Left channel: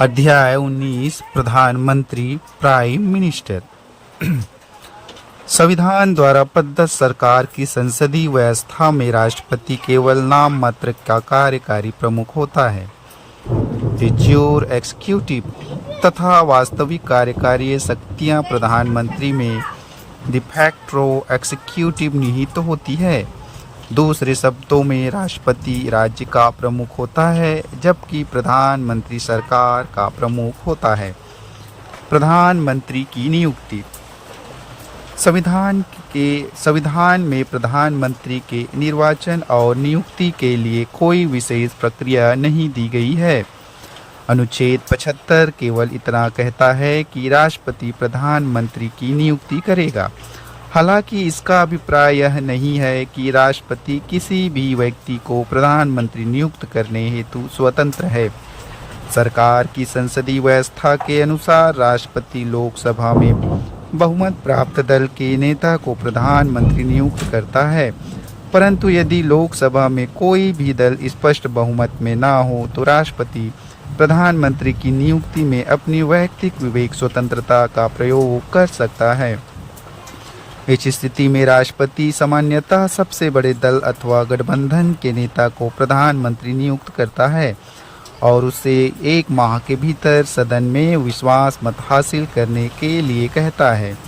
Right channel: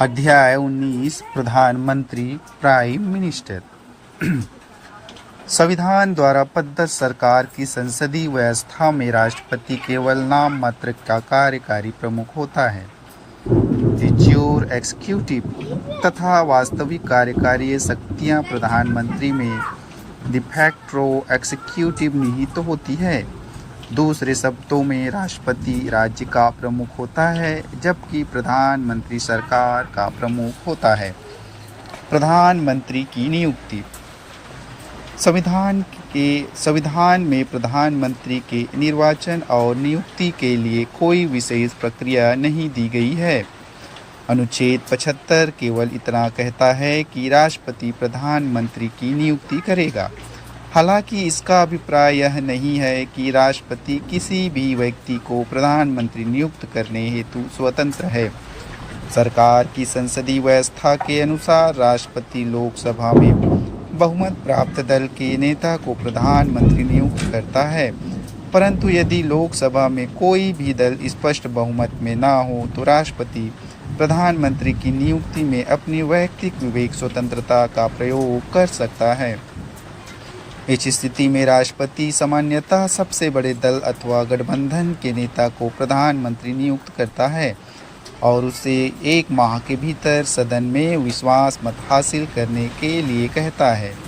अध्याय 19 प्रधानमंत्री prime minister. संविधान द्वारा प्रदत्त सरकार की संसदीय व्यवस्था में राष्ट्रपति केवल नाम मात्र का कार्यकारी प्रमुख होता है। द ज्यूर एग्जीक्यूटिव तथा वास्तविक कार्यकारी शक्तियां प्रधानमंत्री में द फैक्टो एग्जीक्यूटिव निहित होती है। दूसरे शब्दों में राष्ट्रपति राज्य का प्रमुख होता है जबकि प्रधानमंत्री सरकार का प्रमुख होता है। प्रधानमंत्री की नियुक्ति। संविधान में प्रधानमंत्री के निर्वाचन और नियुक्ति के लिए कोई विशेष प्रक्रिया नहीं दी गई है। अनुच्छेद 75 केवल इतना कहता है कि राष्ट्रपति प्रधानमंत्री की नियुक्ति करेगा। हालांकि इसका अभिप्राय यह नहीं है कि राष्ट्रपति किसी भी व्यक्ति को प्रधानमंत्री नियुक्त करने हेतु स्वतंत्र है। सरकार की संसदीय व्यवस्था के अनुसार राष्ट्रपति लोकसभा में बहुमत प्राप्त दल के नेता को प्रधानमंत्री नियुक्त करता है, परंतु यदि लोकसभा में कोई भी दल स्पष्ट बहुमत में न हो तो राष्ट्रपति प्रधानमंत्री की नियुक्ति में अपनी वैयक्तिक विवेक स्वतंत्रता का प्रयोग कर सकता है। इस स्थिति में राष्ट्रपति सामान्यतः सबसे बड़े दल अथवा गठबंधन के नेता को प्रधानमंत्री नियुक्त करता है और उसे 1 माह के भीतर सदन में विश्वास मत हासिल करने के लिए कहता है।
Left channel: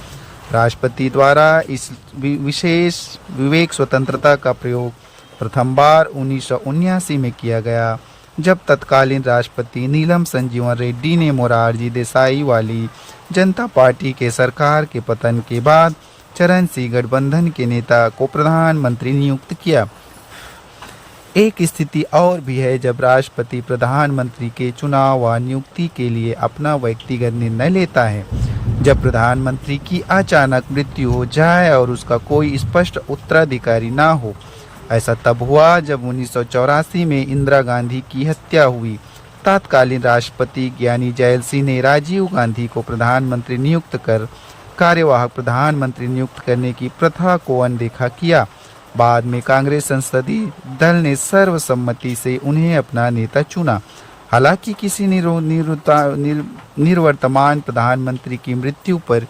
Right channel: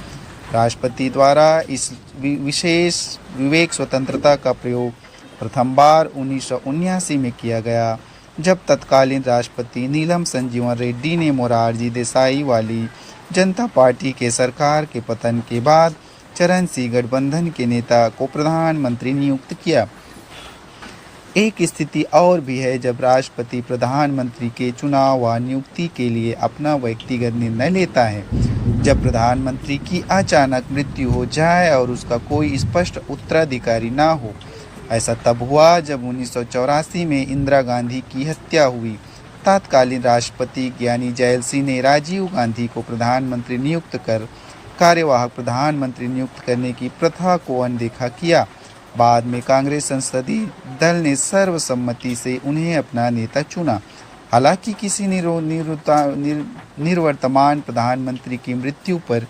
राष्ट्रपति द्वारा इस विशेष विवेक स्वतंत्रता का प्रयोग प्रथम बार 1979 में किया गया, जब तत्कालीन राष्ट्रपति नीलम संजीवन रेड्डी ने मोरारजी देसाई वाली जनता पार्टी के सरकार के पतन के बाद चरण सिंह गठबंधन के नेता को प्रधानमंत्री नियुक्त किया। एक स्थिति और भी है जब राष्ट्रपति प्रधानमंत्री के चुनाव व नियुक्ति के लिए अपना व्यक्तिगत निर्णय लेता है। जब प्रधानमंत्री की अचानक मृत्यु हो जाए और उसका कोई स्पष्ट उत्तराधिकारी न हो। ऐसा तब हुआ जब 1984 में इंदिरा गांधी की हत्या हुई। तत्कालीन राष्ट्रपति ज्ञानी जैल सिंह ने राजीव गांधी को प्रधानमंत्री नियुक्त कर कार्यवाहक प्रधानमंत्री नियुक्त करने की प्रथा को अनदेखा किया। बाद में कांग्रेस संसदीय दल ने सर्वसम्मति से उन्हें अपना नेता चुना। हालांकि किसी निवर्तमान प्रधानमंत्री की मृत्यु पर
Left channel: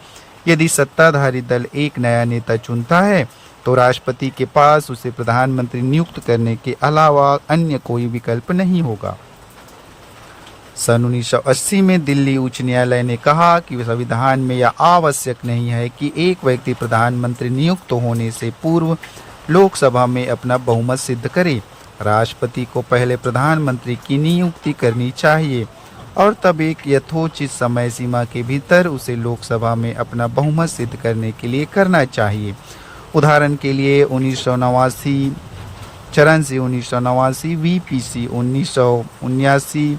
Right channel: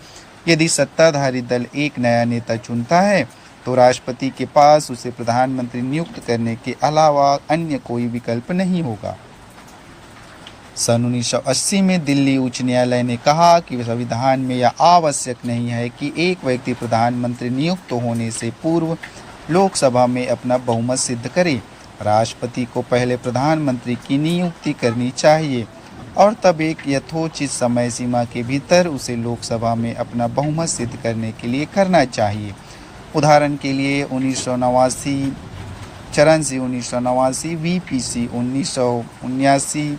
यदि सत्ताधारी दल एक नया नेता चुनता है तो राष्ट्रपति के पास उसे प्रधानमंत्री नियुक्त करने के अलावा अन्य कोई विकल्प नहीं होगा। सन 1980 में दिल्ली उच्च न्यायालय ने कहा कि संविधान में यह आवश्यक नहीं है कि एक व्यक्ति प्रधानमंत्री नियुक्त होने से पूर्व लोकसभा में अपना बहुमत सिद्ध करे। राष्ट्रपति को पहले प्रधानमंत्री की नियुक्ति करनी चाहिए और तब एक यथोचित समय सीमा के भीतर उसे लोकसभा में अपना बहुमत सिद्ध करने के लिए करना चाहिए। उदाहरण के लिए 1989 चरण Singh 1989, VPC 1979,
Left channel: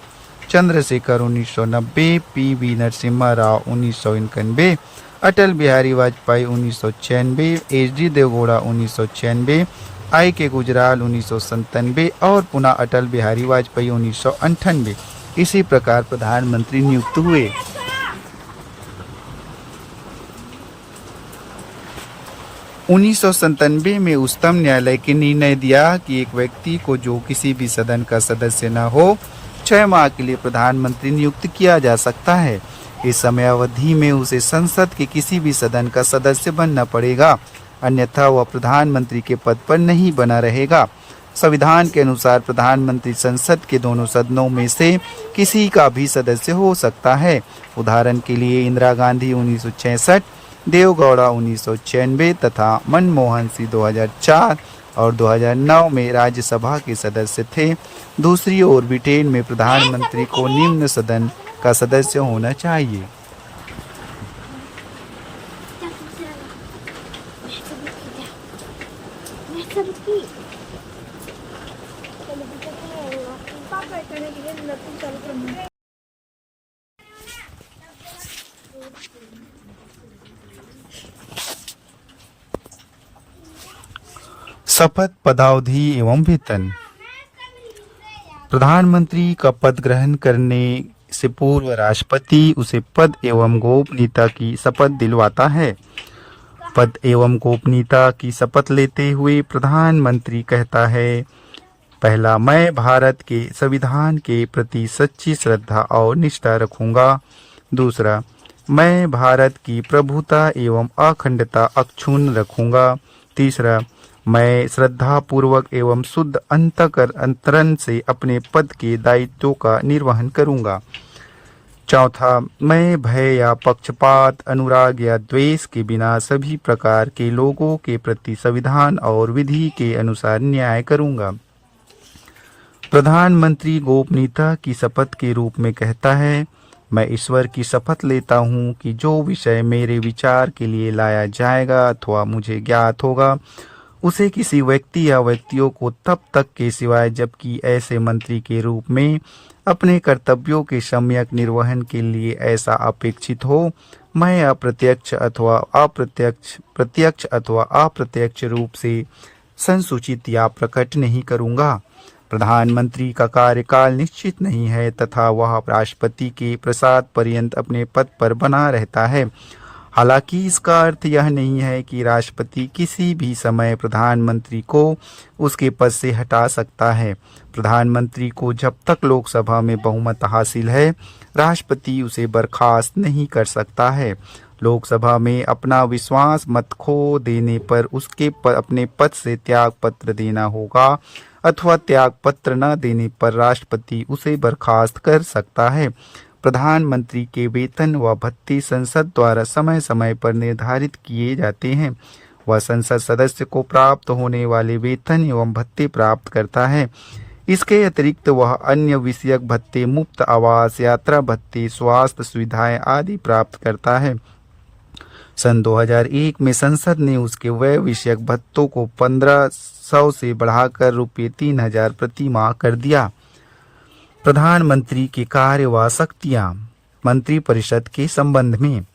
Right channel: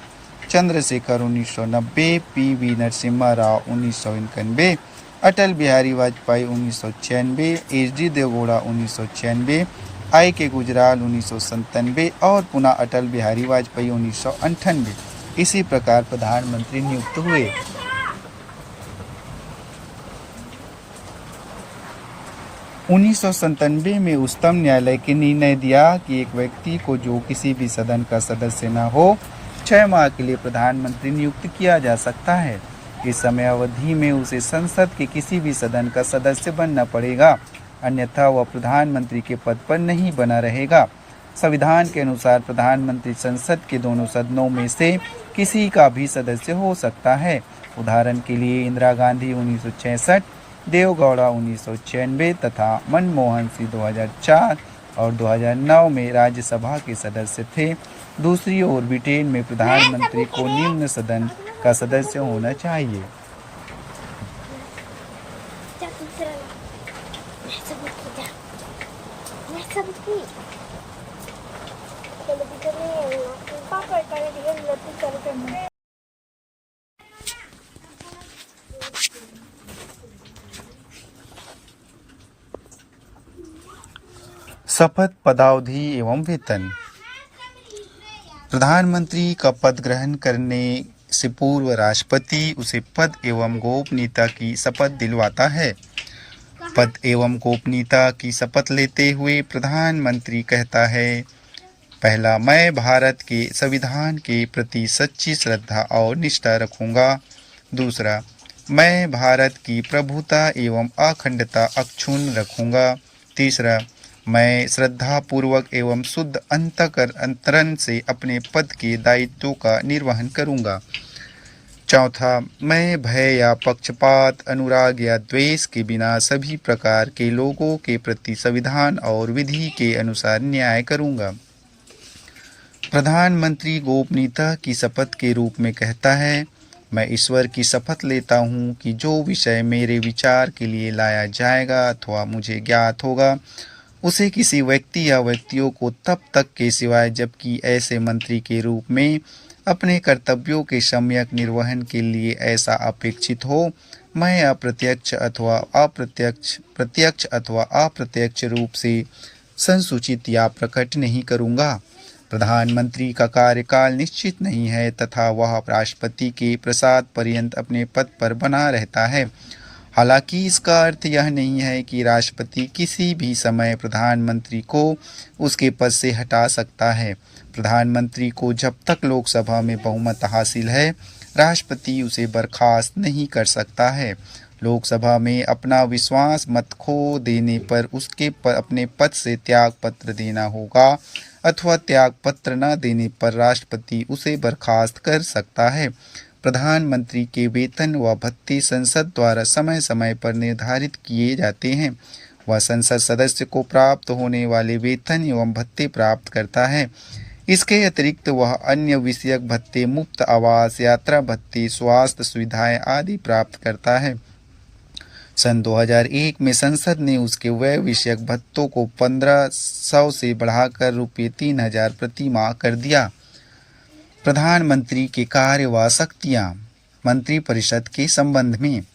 Chandrashekhar 1990, PV Narasimha Rao 1991, Atal Bihari Vajpayee 1996, HD Deve Gowda 1996, IK. Gujral 1997 और पुनः अटल बिहारी वाजपेयी 1998 इसी प्रकार प्रधानमंत्री नियुक्त हुए। उन्नीस में उच्चतम न्यायालय के निर्णय दिया कि एक व्यक्ति को जो किसी भी सदन का सदस्य न हो 6 माह के लिए प्रधानमंत्री नियुक्त किया जा सकता है। इस समय अवधि में उसे संसद के किसी भी सदन का सदस्य बनना पड़ेगा, अन्यथा वह प्रधानमंत्री के पद पर नहीं बना रहेगा। संविधान के अनुसार प्रधानमंत्री संसद के दोनों सदनों में से किसी का भी सदस्य हो सकता है। उदाहरण के लिए इंदिरा गांधी 1966, देवगौड़ा 1996 तथा मनमोहन सिंह 2004 और 2009 में राज्यसभा के सदस्य थे। दूसरी ओर ब्रिटेन में प्रधानमंत्री को निम्न सदन का सदस्य होना चाहिए। शपथ, पदावधि एवं वेतन। प्रधानमंत्री का पद ग्रहण करने से पूर्व राष्ट्रपति उसे पद एवं गोपनीयता की शपथ दिलवाता है। पद एवं गोपनीयता की शपथ लेते हुए प्रधानमंत्री कहता है पहला, मैं भारत के संविधान के प्रति सच्ची श्रद्धा और निष्ठा रखूंगा। दूसरा, मैं भारत की प्रभुता एवं अखंडता अक्षुण्ण रखूंगा। तीसरा, मैं श्रद्धापूर्वक एवं शुद्ध अंतकरण से अपने पद के दायित्वों का निर्वहन करूंगा। चौथा, मैं भय या पक्षपात, अनुराग या द्वेष के बिना सभी प्रकार के लोगों के प्रति संविधान और विधि के अनुसार न्याय करूंगा। प्रधानमंत्री गोपनीयता की शपथ के रूप में कहता है, मैं ईश्वर की शपथ लेता हूँ कि जो विषय मेरे विचार के लिए लाया जाएगा अथवा मुझे ज्ञात होगा, उसे किसी व्यक्ति या व्यक्तियों को तब तक के सिवाय जबकि ऐसे मंत्री के रूप में अपने कर्तव्यों के सम्यक निर्वहन के लिए ऐसा अपेक्षित हो, मैं प्रत्यक्ष अथवा अप्रत्यक्ष रूप से संसूचित या प्रकट नहीं करूंगा। प्रधानमंत्री का कार्यकाल निश्चित नहीं है तथा वह राष्ट्रपति के प्रसाद पर्यंत अपने पद पर बना रहता है। हालांकि इसका अर्थ यह नहीं है कि राष्ट्रपति किसी भी समय प्रधानमंत्री को उसके पद से हटा सकता है। प्रधानमंत्री को जब तक लोकसभा में बहुमत हासिल है, राष्ट्रपति उसे बर्खास्त नहीं कर सकता है। लोकसभा में अपना विश्वास मत खो देने पर उसके अपने पद से त्याग पत्र देना होगा अथवा त्याग पत्र न देने पर राष्ट्रपति उसे बर्खास्त कर सकता है। प्रधानमंत्री के वेतन व भत्ते संसद द्वारा समय समय पर निर्धारित किए जाते हैं। वह संसद सदस्य को प्राप्त होने वाले वेतन एवं भत्ते प्राप्त करता है। इसके अतिरिक्त वह अन्य विषयक भत्ते, मुफ्त आवास, यात्रा भत्ते, स्वास्थ्य सुविधाएं आदि प्राप्त करता है। सन 2001 में संसद ने उसके व्यय विषयक भत्तों को 1500 से बढ़ाकर रुपये 3000 प्रति माह कर दिया। प्रधानमंत्री के कार्य व शक्तियां। मंत्रिपरिषद के संबंध में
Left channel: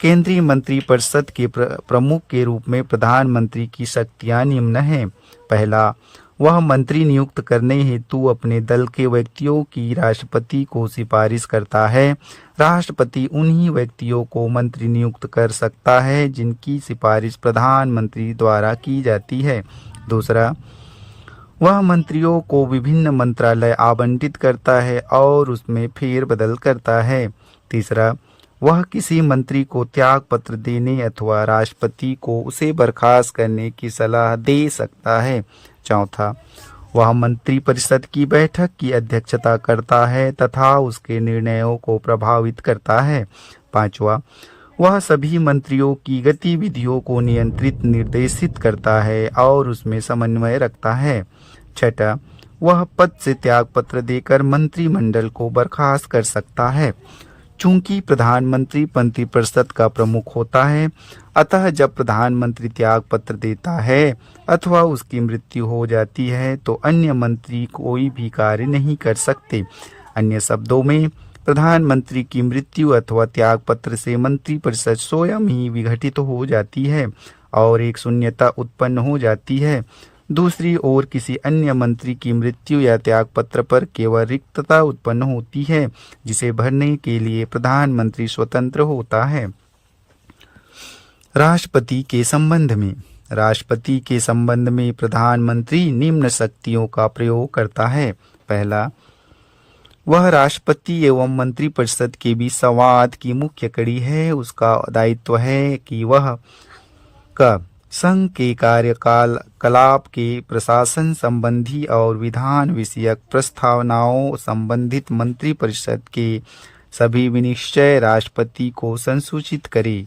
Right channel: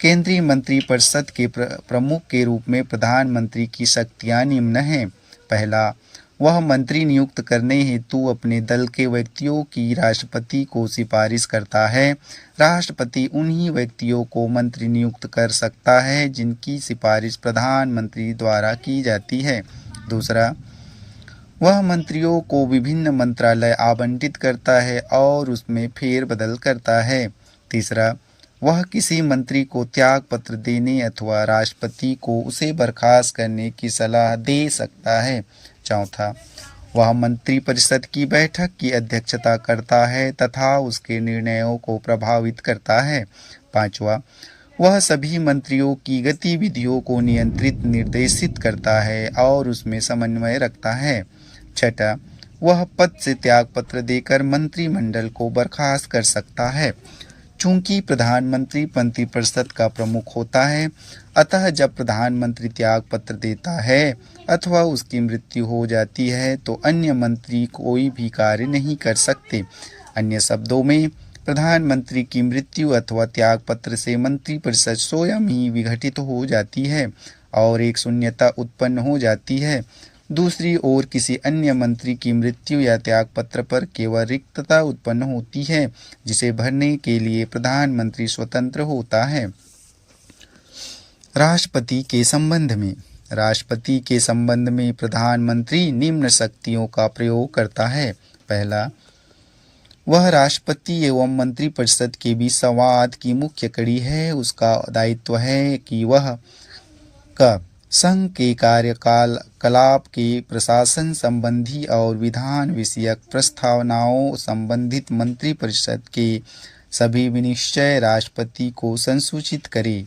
केंद्रीय मंत्रिपरिषद के प्रमुख के रूप में प्रधानमंत्री की शक्तियां निम्न हैं। पहला, वह मंत्री नियुक्त करने हेतु अपने दल के व्यक्तियों की राष्ट्रपति को सिफारिश करता है। राष्ट्रपति उन्हीं व्यक्तियों को मंत्री नियुक्त कर सकता है जिनकी सिफारिश प्रधानमंत्री द्वारा की जाती है। दूसरा, वह मंत्रियों को विभिन्न मंत्रालय आवंटित करता है और उसमें फेरबदल करता है। तीसरा, वह किसी मंत्री को त्याग पत्र देने अथवा राष्ट्रपति को उसे बर्खास्त करने की सलाह दे सकता है। चौथा, वह मंत्रिपरिषद की बैठक की अध्यक्षता करता है तथा उसके निर्णयों को प्रभावित करता है। पांचवा, वह सभी मंत्रियों की गतिविधियों को नियंत्रित निर्देशित करता है और उसमें समन्वय रखता है। छठा, वह पद से त्याग पत्र देकर मंत्रिमंडल को बर्खास्त कर सकता है। चूंकि प्रधानमंत्री मंत्रिपरिषद का प्रमुख होता है, अतः जब प्रधानमंत्री त्याग पत्र देता है अथवा उसकी मृत्यु हो जाती है तो अन्य मंत्री कोई भी कार्य नहीं कर सकते। अन्य शब्दों में, प्रधानमंत्री की मृत्यु अथवा त्याग पत्र से मंत्रिपरिषद स्वयं ही विघटित हो जाती है और एक शून्यता उत्पन्न हो जाती है। दूसरी ओर किसी अन्य मंत्री की मृत्यु या त्याग पत्र पर केवल रिक्तता उत्पन्न होती है जिसे भरने के लिए प्रधानमंत्री स्वतंत्र होता है। राष्ट्रपति के संबंध में। राष्ट्रपति के संबंध में प्रधानमंत्री निम्न शक्तियों का प्रयोग करता है। पहला, वह राष्ट्रपति एवं मंत्रिपरिषद के बीच संवाद की मुख्य कड़ी है। उसका दायित्व है कि वह संघ के कार्यकलाप के प्रशासन संबंधी और विधान विषयक प्रस्तावनाओं संबंधित मंत्रिपरिषद के सभी विनिश्चय राष्ट्रपति को संसूचित करे।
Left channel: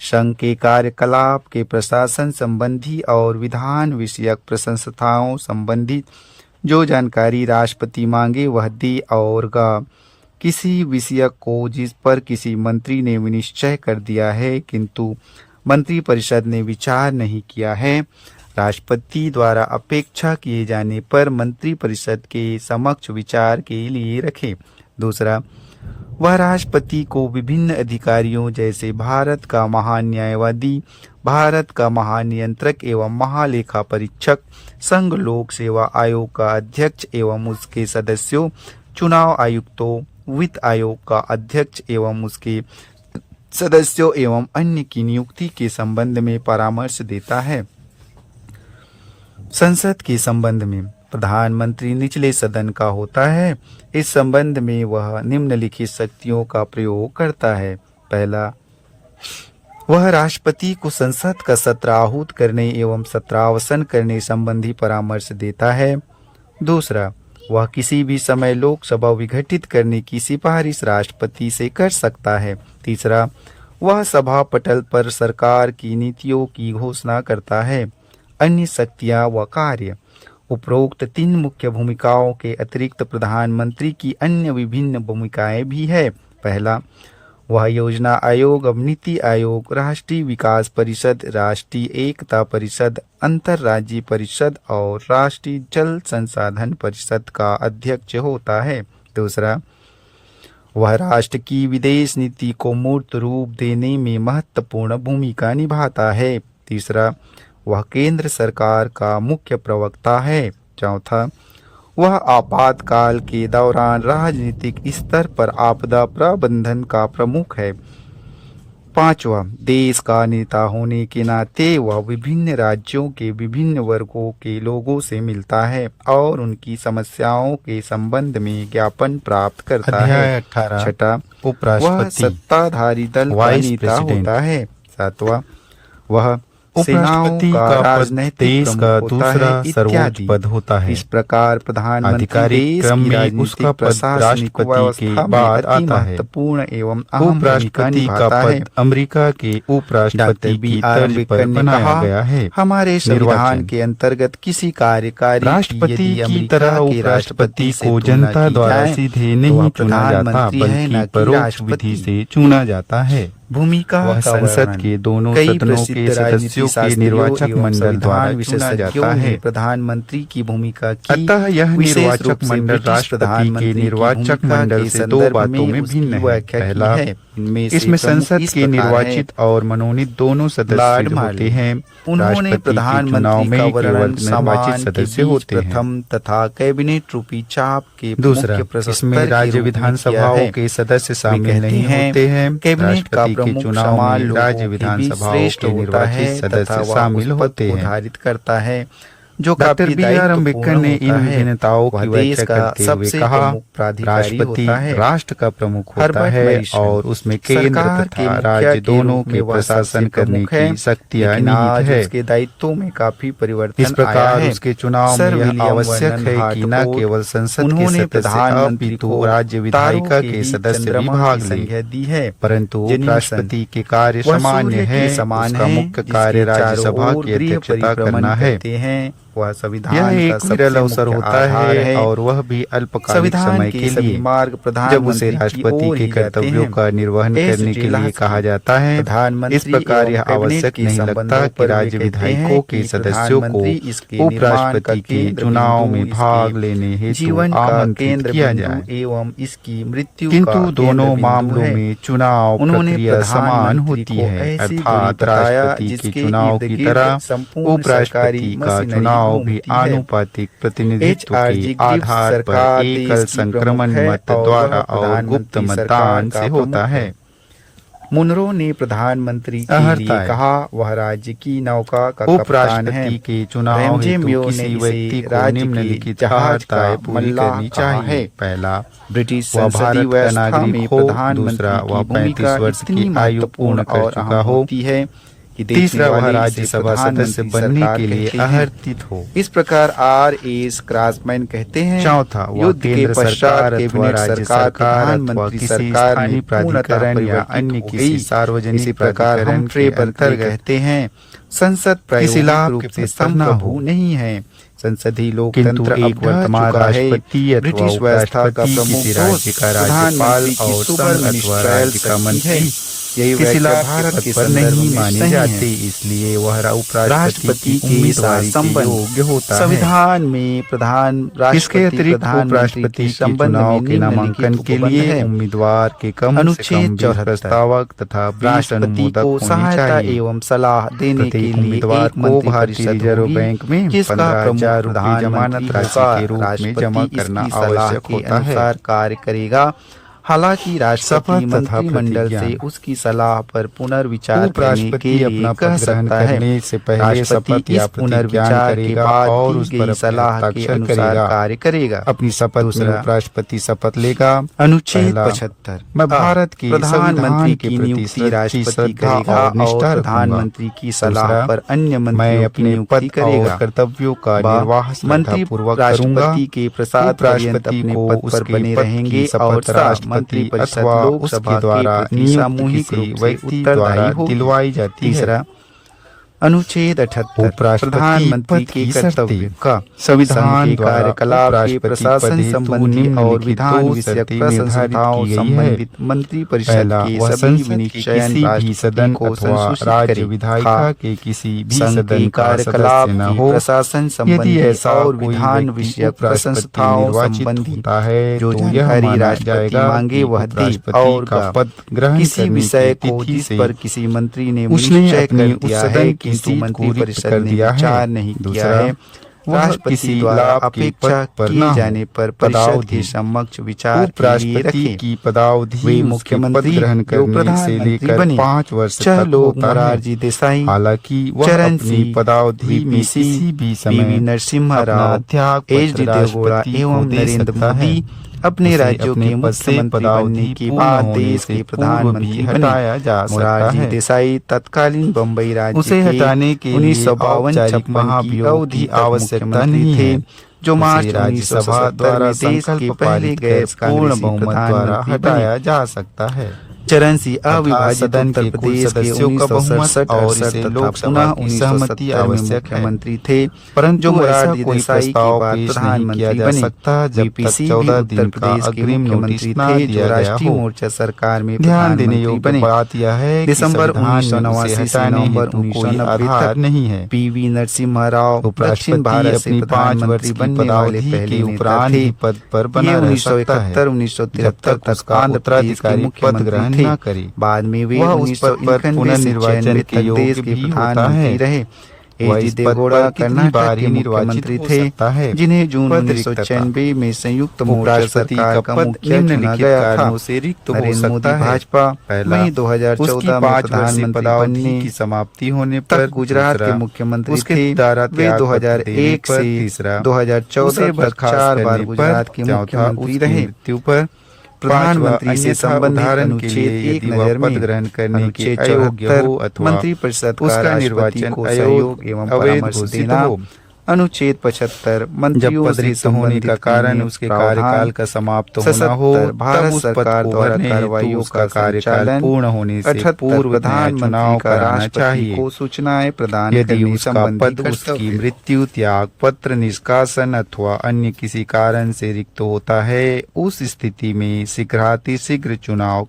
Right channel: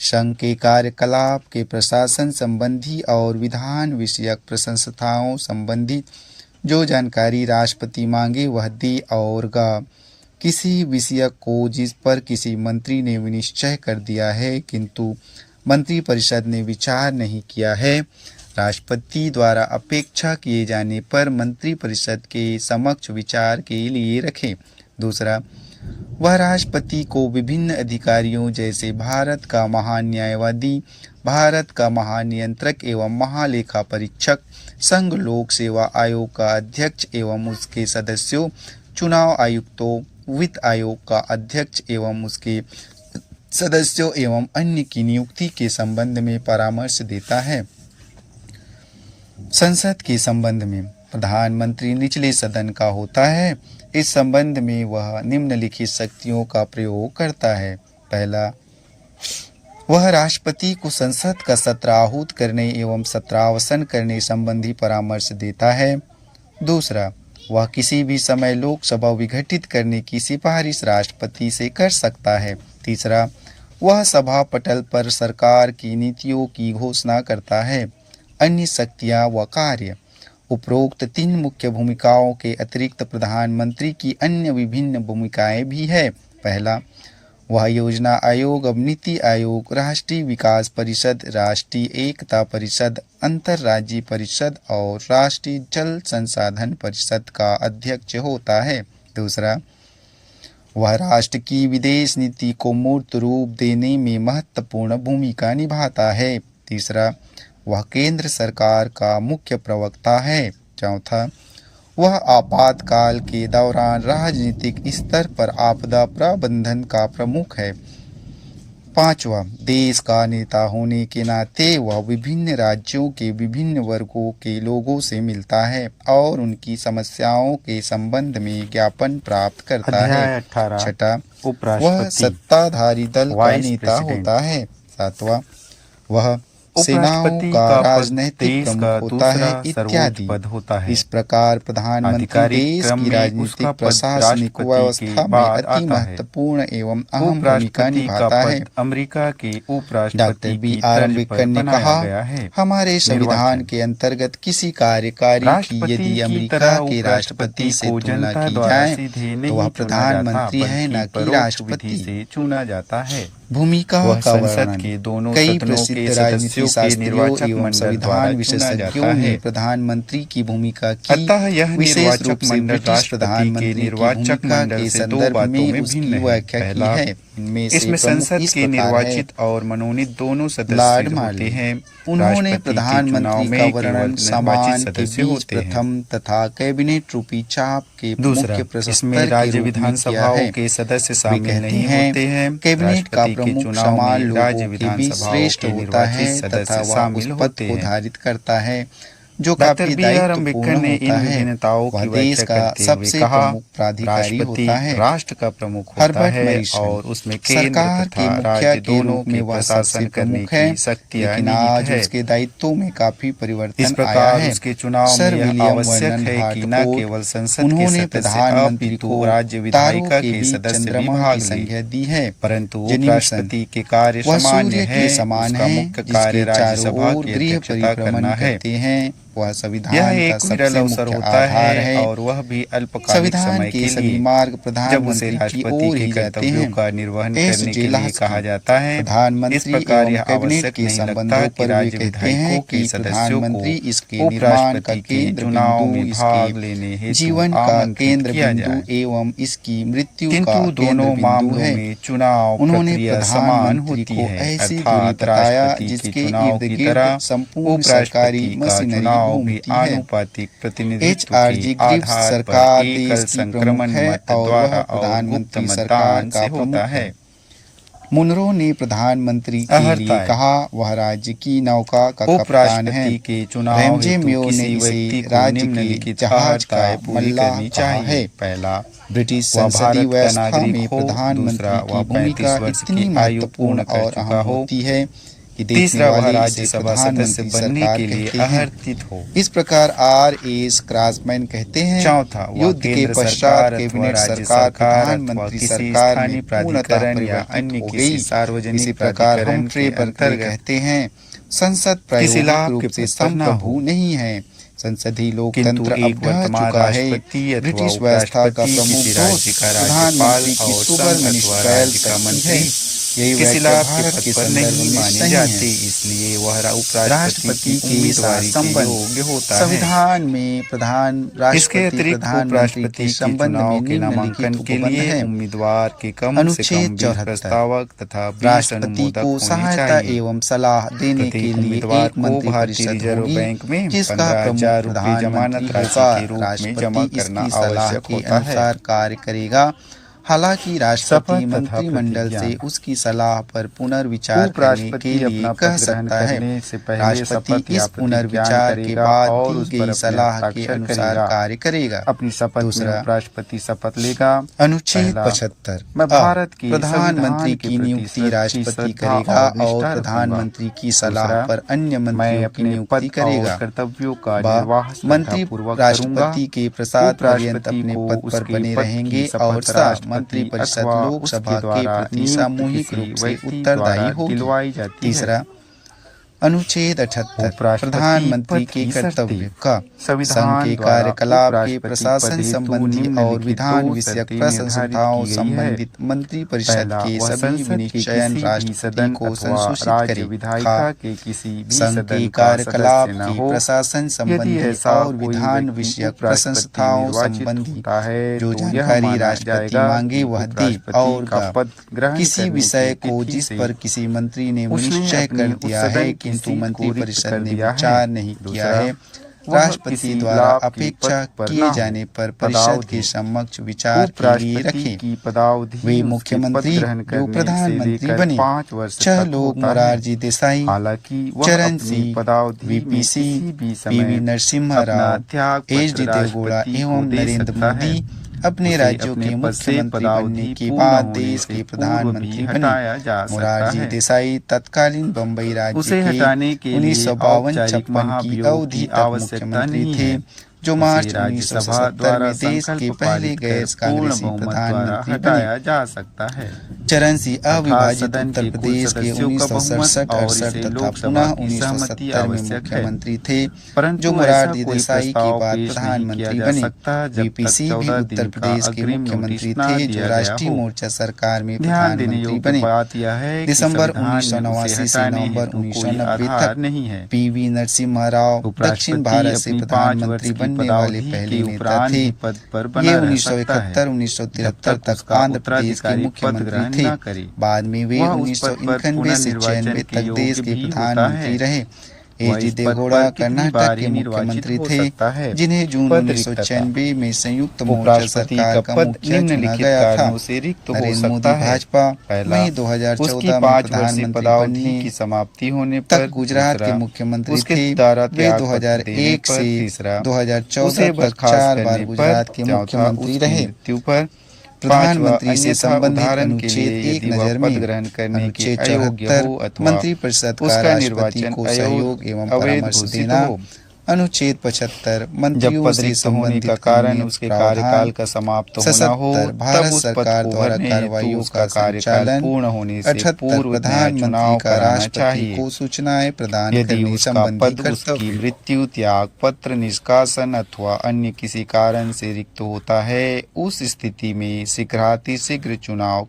संघ के कार्यकलाप के प्रशासन संबंधी और विधान विषयक प्रशंसाओं संबंधित जो जानकारी राष्ट्रपति मांगे वह दे और किसी विषय को जिस पर किसी मंत्री ने विनिश्चय कर दिया है किंतु मंत्रिपरिषद ने विचार नहीं किया है, राष्ट्रपति द्वारा अपेक्षा किए जाने पर मंत्रिपरिषद के समक्ष विचार के लिए रखे। दूसरा, वह राष्ट्रपति को विभिन्न अधिकारियों जैसे भारत का महान्यायवादी, भारत का महानियंत्रक एवं महालेखा परीक्षक, संघ लोक सेवा आयोग का अध्यक्ष एवं उसके सदस्यों, चुनाव आयुक्तों, वित्त आयोग का अध्यक्ष एवं उसके सदस्यों एवं अन्य की नियुक्ति के संबंध में परामर्श देता है। संसद के संबंध में प्रधानमंत्री निचले सदन का होता है। इस संबंध में वह निम्नलिखित शक्तियों का प्रयोग करता है। पहला, वह राष्ट्रपति को संसद का सत्र आहूत करने एवं सत्रावसान करने संबंधी परामर्श देता है। दूसरा, वह किसी भी समय लोकसभा विघटित करने की सिफारिश राष्ट्रपति से कर सकता है। तीसरा, वह सभा पटल पर सरकार की नीतियों की घोषणा करता है। अन्य शक्तियां व कार्य। उपरोक्त 3 मुख्य भूमिकाओं के अतिरिक्त प्रधानमंत्री की अन्य विभिन्न भूमिकाएं भी है। पहला, वह योजना आयोग, अब नीति आयोग, राष्ट्रीय विकास परिषद, राष्ट्रीय एकता परिषद, अंतर्राज्यीय परिषद और राष्ट्रीय जल संसाधन परिषद का अध्यक्ष होता है। दूसरा, वह राष्ट्र की विदेश नीति को मूर्त रूप देने में महत्वपूर्ण भूमिका निभाता है। तीसरा, वह केंद्र सरकार का मुख्य प्रवक्ता है। चौथा, वह आपातकाल के दौरान राजनीतिक स्तर पर आपदा प्रबंधन का प्रमुख है। पांचवा, देश का नेता होने के नाते वह विभिन्न राज्यों के विभिन्न वर्गों के लोगों से मिलता है और उनकी समस्याओं के संबंध में ज्ञापन प्राप्त करता है। छठा, वह सत्ताधारी दल का नेता होता है। सातवां, वह सेनाओं का राजनैतिक प्रमुख होता है इत्यादि। इस प्रकार प्रधानमंत्री देश की राजनीतिक प्रशासनिक व्यवस्था में अति महत्वपूर्ण एवं अहम भूमिका निभाता है। अमेरिका के उपराष्ट्रपति डॉक्टर B.R. अम्बेडकर ने कहा, हमारे संविधान के अंतर्गत किसी कार्यकारी की यदि अमेरिका के राष्ट्रपति से तुलना की जाए तो वह प्रधानमंत्री है, न कि राष्ट्रपति से चुना जाता है। भूमिका वह संसद के दोनों सदनों के सदस्यों के निर्वाचक मंडल द्वारा चुना जाता है। प्रधानमंत्री की भूमिका की। अतः यह निर्वाचक मंडल राष्ट्रपति के निर्वाचक मंडल से 2 बातों में भिन्न है। पहला, इसमें संसद के निर्वाचित और मनोनीत दोनों सदस्य होते हैं। उन्होंने प्रधानमंत्री का वर्णन समान के बीच प्रथम तथा कैबिनेट रूपी चाप के मुख्य प्रशस्तर राज्य विधानसभाओं के सदस्य शामिल नहीं होते हैं। कैबिनेट का प्रमुख समान लोगों के बीच श्रेष्ठ होता है तथा वह उस पद को धारित करता है जो काफी दायित्वपूर्ण होता है। वह देश का सबसे प्रमुख प्राधिकारी होता है। राष्ट्र का प्रमुख होता है और उसमें सरकार के मुखिया के रूप में वह शासन प्रमुख है, लेकिन आज उसके दायित्वों में काफी परिवर्तन आया है। उसके चुनाव सर में विलियम आवश्यक वर्नन है कि न केवल संसद के उन्होंने सदस्य प्रधानमंत्री अपितु को राज्य तारों विधायिका के के बीच सदस्य भी चंद्रमा भाग की लें, संज्ञा दी है। परंतु जेनिसन, राष्ट्रपति के कार्य वह सामान्य सूर्य है। के समान उसका है, मुख्य जिसके कार्य चारों राज्यसभा ओर की गृह अध्यक्षता परिभ्रमण करना है। करते हैं। वह संविधान यह का एक सबसे विरल अवसर मुख्य होता आधार है। और वह भी अल्पकालिक संविधान समय के के सभी लिए, मार्ग जब उसे प्रधानमंत्री की राष्ट्रपति ओर के ही जाते कर्तव्यों हैं। का निर्वहन एस. करने के लिए जेलास्की, कहा जाता है। इस प्रधानमंत्री प्रकार एवं यह कैबिनेट आवश्यक के नहीं लगता संबंधों कि पर वे राज्य कहते विधायकों हैं के कि सदस्यों को प्रधानमंत्री इसके निर्माण का उपराष्ट्रपति के केंद्र चुनाव बिंदु, में भाग लेने इसके हेतु जीवन का आमंत्रित केंद्र किया बिंदु जाए, एवं इसकी मृत्यु का किंतु केंद्र दोनों बिंदु मामलों है। में चुनाव उन्होंने प्रक्रिया समान प्रधानमंत्री होती को है, ऐसी दूरी अर्थात बताया राष्ट्रपति के जिसके चुनाव इर्द की गिर्द तरह संपूर्ण सरकारी उपराष्ट्रपति का मशीनरी चुनाव भी घूमती है। आनुपातिक प्रतिनिधित्व के H.R.G. ग्रिफ्स आधार सरकार पर एकल देश की संक्रमण प्रमुख है मत और द्वारा वह और गुप्त प्रधानमंत्री सरकार मतदान का से होता प्रमुख है। है। मुनरो ने प्रधानमंत्री के लिए कहा, वह राज्य की नौका का कप्तान है। उपराष्ट्रपति के चुनाव रैमजे हेतु म्यो ने किसी व्यक्ति इसे को राज्य के निम्नलिखित जहाज का अर्हताएं पूरी मल्लाह करनी कहा है। चाहिए। पहला, ब्रिटिश वह संसदीय भारत का व्यवस्था नागरिक में हो। प्रधानमंत्री दूसरा, की वह भूमिका 35 वर्ष इतनी की आयु महत्वपूर्ण पूर्ण कर और चुका अहम हो। होती है कि देखने तीसरा, वह वाले इसे राज्यसभा सदस्य प्रधानमंत्री बनने सरकार के लिए कहते हैं। अहर्तित हो। इस प्रकार R.S. क्रासमैन कहते हैं, चौथा, वह युद्ध के केंद्र पश्चात सरकार अथवा कैबिनेट राज्य सरकार सरकार अथवा प्रधानमंत्री किसी सरकार में स्थानीय पूर्णतः प्राधिकरण या परिवर्तित अन्य हो किसी गई। सार्वजनिक इसी प्रकार प्राधिकरण हम्फ्रे के बर्कले अंतर्गत कहते हैं, संसद किसी लाभ प्रायोगिक रूप के से पुत्र न संप्रभु हो। नहीं है। संसदीय किंतु लोकतंत्र एक अब ढह वर्तमान चुका है। राष्ट्रपति अथवा ब्रिटिश व्यवस्था का उपराष्ट्रपति प्रमुख किसी दोष राज्य का राज्यपाल प्रधानमंत्री की और सुपर संघ अथवा मिनिस्ट्रियल राज्य का शक्ति है। मंत्री यही किसी व्याख्या लाभ के भारत पद के पर संदर्भ नहीं में माने सही जाते, है। इसलिए वह उपराष्ट्रपति राष्ट्रपति की के उम्मीदवारी साथ के संबंध योग्य होता है। संविधान में इसके राष्ट्रपति अतिरिक्त प्रधानमंत्री उपराष्ट्रपति के के संबंध चुनाव में के नामांकन निम्नलिखित के उपबंध लिए है। उम्मीदवार के कम से अनुच्छेद कम 20 74, प्रस्तावक तथा 20 राष्ट्रपति अनुमोदक को होने सहायता चाहिए। एवं सलाह देने के प्रत्येक लिए उम्मीदवार एक को मंत्री भारतीय परिषद रिजर्व होगी, बैंक में जिसका 15,000 प्रमुख रुपये जमानत प्रधानमंत्री राशि होगा। के रूप में जमा राष्ट्रपति करना इसकी सलाह आवश्यक के होता है। अनुसार कार्य करेगा। हालांकि राष्ट्रपति शपथ तथा मंत्रिमंडल से प्रतिज्ञा। उसकी सलाह पर पुनर्विचार करने उपराष्ट्रपति के लिए अपना कह पद ग्रहण सकता है। करने से पहले राष्ट्रपति शपथ या इस पुनर्विचार के प्रतिज्ञा बाद और दी उस पर गई अपने सलाह के हस्ताक्षर अनुसार करेगा। कार्य करेगा। अपनी शपथ में दूसरा, उपराष्ट्रपति शपथ लेगा। अनुच्छेद पहला, 75 मैं भारत के प्रधानमंत्री संविधान के की प्रति नियुक्ति सच्ची राष्ट्रपति श्रद्धा करेगा और निष्ठा और रखूंगा। प्रधानमंत्री की सलाह दूसरा, पर अन्य मैं मंत्रियों की अपने नियुक्ति पद करेगा। और कर्तव्यों का बा, निर्वाह मंत्री श्रद्धापूर्वक राष्ट्रपति के प्रसाद पर्यंत उपराष्ट्रपति अपने को पद पर उसके बने पद की रहेंगे शपथ और सा राष्ट्रपति मंत्रिपरिषद अथवा लोकसभा उसके के द्वारा प्रति नियुक्त सामूहिक किसी रूप से व्यक्ति उत्तरदायी द्वारा होगी। दिलवाई जाती है। तीसरा, अनुच्छेद 78 उपराष्ट्रपति प्रधानमंत्री पद के की कर्तव्य शर्तें। का संविधान संघ के द्वारा कार्यकलाप के उपराष्ट्रपति प्रशासन पद हेतु संबंधी और निम्नलिखित विधान दो विषयक शर्तें प्रसंस्थाओं निर्धारित की गई है। संबंधित मंत्रिपरिषद पहला, के वह सभी संसद के विनिश्चयन किसी भी राष्ट्रपति सदन को अथवा संसूचित राज्य करे। विधायिका के किसी भी संघ सदन के का कार्यकलाप सदस्य न के हो। प्रशासन यदि संबंधी ऐसा और कोई विधान व्यक्ति विषयक उपराष्ट्रपति प्रसंस्थाओं निर्वाचित संबंधी होता है जो तो यह जानकारी माना राष्ट्रपति जाएगा मांगे कि वह दे उपराष्ट्रपति और का गा पद ग्रहण किसी करने विषय की को तिथि जिस से पर किसी मंत्री ने उसने निश्चय अपनी कर उस दिया सदन है की किंतु सीट को रिक्त मंत्रिपरिषद कर ने दिया है। विचार नहीं किया दूसरा, है। वह राष्ट्रपति किसी द्वारा लाभ के अपेक्षा पद पर किए न हो। जाने पर परिषद पदावधि। के समक्ष विचार के लिए उपराष्ट्रपति रखे। की पदावधि वे उसके मुख्यमंत्री पद ग्रहण जो करने से प्रधानमंत्री लेकर बने 5 वर्ष छह तक लोग होता है। मोरारजी देसाई, हालांकि वह चरण अपनी सिंह, पदावधि में वीपी किसी सिंह, भी पीवी समय नरसिम्हा अपना राव, त्याग एच.डी. पत्र देवगौड़ा राष्ट्रपति को एवं दे नरेंद्र सकता है। मोदी अपने उसे राज्यों अपने के पद से मुख्यमंत्री बनने पदावधि के पूर्ण बाद होने देश से के पूर्व भी प्रधानमंत्री बने। हटाया जा सकता मोरारजी है। देसाई तत्कालीन बम्बई राज्य उसे के हटाने के लिए 1952-56 की महाभियोग अवधि की तक आवश्यकता मुख्यमंत्री नहीं थे, है। जो उसे मार्च राज्यसभा 1977 द्वारा में देश के संकल्प पहले पारित कर गैर पूर्ण कांग्रेसी बहुमत द्वारा प्रधानमंत्री बने। हटाया जा सकता है। चरण सिंह तथा अविभाजित सदन उत्तर के कुल प्रदेश के सदस्यों का बहुमत 1967-68 और इसे तथा लोकसभा पुनः की सहमति 1970 में आवश्यक है। मुख्यमंत्री थे, परंतु जो ऐसा मोरारजी कोई देसाई के प्रस्ताव बाद पेश नहीं किया प्रधानमंत्री जा बने। सकता जब वीपी तक सिंह भी 14 उत्तर दिन का प्रदेश के अग्रिम मुख्यमंत्री नोटिस न थे, जो दिया गया राष्ट्रीय हो। मोर्चा सरकार में ध्यान देने प्रधानमंत्री योग्य बने। बात यह है कि दिसंबर संविधान में उसे 1989 से हटाने नवंबर हेतु कोई 1990 आधार तक नहीं है। पीवी नरसिम्हा राव दक्षिण उपराष्ट्रपति भारत से अपनी 5 वर्ष प्रधानमंत्री की बनने वाले पदावधि पहले के नेता उपरांत थे। ही पद पर ये बना रह सकता है 1971-1973 तक उसका आंध्र प्रदेश के उत्तराधिकारी पद मुख्यमंत्री ग्रहण थे। न करे। बाद में वे वह उस पद पर 1991 से पुनर्निर्वाचन 96 के तक देश योग्य के भी होता प्रधानमंत्री है। रहे। वह एच.डी. इस पद देवगौड़ा पर कितनी कर्नाटक बार के ही निर्वाचित मुख्यमंत्री हो थे, सकता है। जिन्हें जून पद रिक्त था। 1996 में संयुक्त मोर्चा उपराष्ट्रपति सरकार का पद मुखिया चुना निम्नलिखित गया था। कारणों से रिक्त हो नरेंद्र मोदी सकता है। भाजपा, पहला, वहीं उसकी 2014 में 5 वर्षीय प्रधानमंत्री पदावधि बनने की समाप्ति होने पर। तक गुजरात के दूसरा, मुख्यमंत्री उसके थे। दारा वे त्याग पत्र देने 2001 पर। से तीसरा, 2014 तक बर्खास्त 4 बार करने पर। गुजरात के चौथा, मुख्यमंत्री उसकी रहे। मृत्यु पर। प्रधानमंत्री से अन्यथा संबंधित उदाहरण के अनुच्छेद लिए एक यदि वह नजर पद में ग्रहण करने के अनुच्छेद अयोग्य 74 हो अथवा मंत्रिपरिषद का उसका राष्ट्रपति निर्वाचन को सहयोग एवं अवैध परामर्श घोषित देना। हो। अनुच्छेद 75 जब मंत्रियों पद से रिक्त होने संबंधित का कारण अन्य उसके प्रावधान। कार्यकाल का समाप्त होना हो, 77 तब भारत उस पद सरकार को द्वारा भरने हेतु कार्रवाइयों उसका का कार्यकाल संचालन। पूर्ण होने से 78 पूर्व नया प्रधानमंत्री चुनाव का कराना राष्ट्रपति चाहिए। को सूचनाएं प्रदान यदि करने उसका संबंधी पद उसकी कर्तव्य। मृत्यु, त्याग पत्र, निष्कासन अथवा अन्य किसी कारण से रिक्त होता है, उस स्थिति में शीघ्रातिशीघ्र चुनाव